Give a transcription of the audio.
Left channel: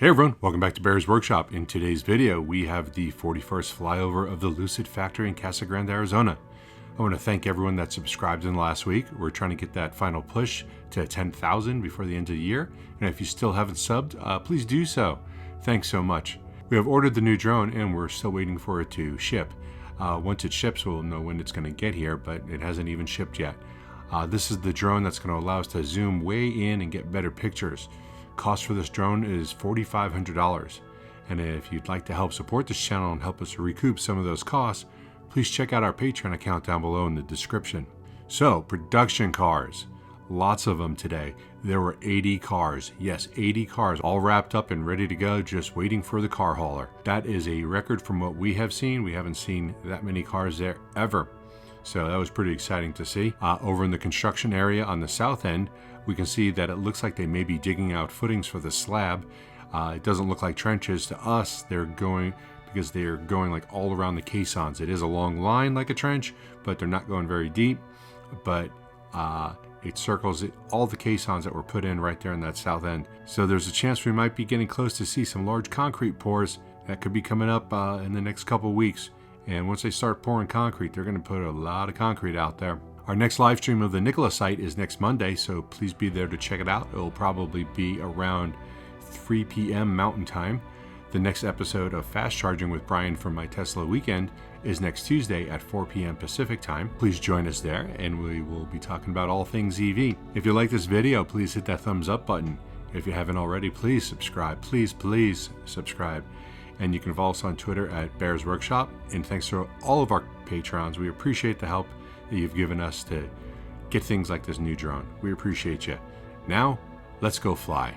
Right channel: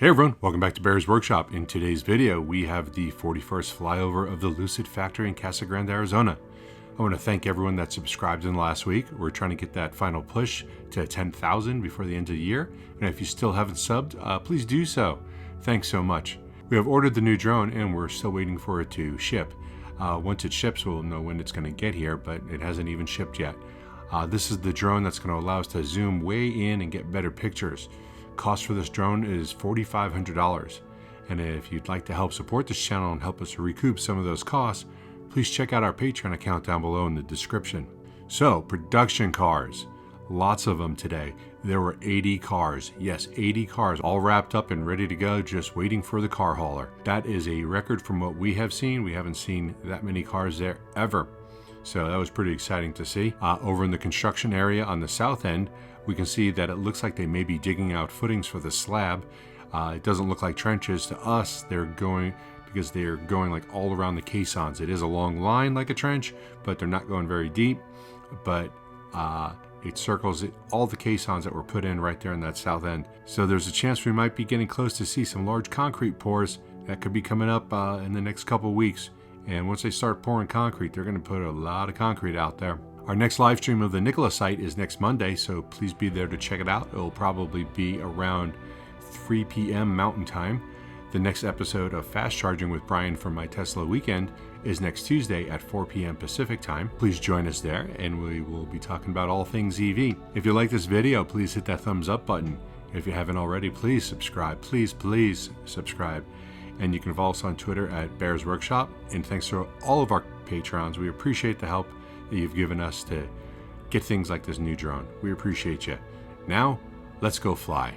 Hey everyone, welcome back to Bear's Workshop. In today's video, we have the 41st flyover of the Lucid factory in Casa Grande, Arizona. I want to thank everyone that subscribed in the last week. We're trying to get that final push to 10,000 before the end of the year. And if you still haven't subbed, please do so. Thanks so much. We have ordered the new drone and we're still waiting for it to ship. Once it ships, we'll know when it's going to get here, but it hasn't even shipped yet. This is the drone that's going to allow us to zoom way in and get better pictures. Cost for this drone is $4,500. And if you'd like to help support this channel and help us recoup some of those costs, please check out our Patreon account down below in the description. So, production cars. Lots of them today. There were 80 cars. Yes, 80 cars all wrapped up and ready to go, just waiting for the car hauler. That is a record from what we have seen. We haven't seen that many cars there ever. So that was pretty exciting to see. Over in the construction area on the south end, we can see that it looks like they may be digging out footings for the slab. It doesn't look like trenches to us. They're going like all around the caissons. It is a long line like a trench, but they're not going very deep. But it circles all the caissons that were put in right there in that south end. So there's a chance we might be getting close to see some large concrete pours that could be coming up in the next couple weeks. And once they start pouring concrete, they're going to put a lot of concrete out there. Our next live stream of the Nikola site is next Monday, so please be there to check it out. It'll probably be around 3 p.m. Mountain Time. The next episode of Fast Charging with Brian from My Tesla Weekend is next Tuesday at 4 p.m. Pacific Time. Please join us there, and we will be talking about all things EV. If you like this video, please hit that thumbs up button. If you haven't already, please subscribe. Please subscribe. And you can follow us on Twitter at Bear's Workshop. And thanks to all of our patrons. We appreciate the help that you've given us to get things like this new drone. We appreciate you. Now, let's go fly.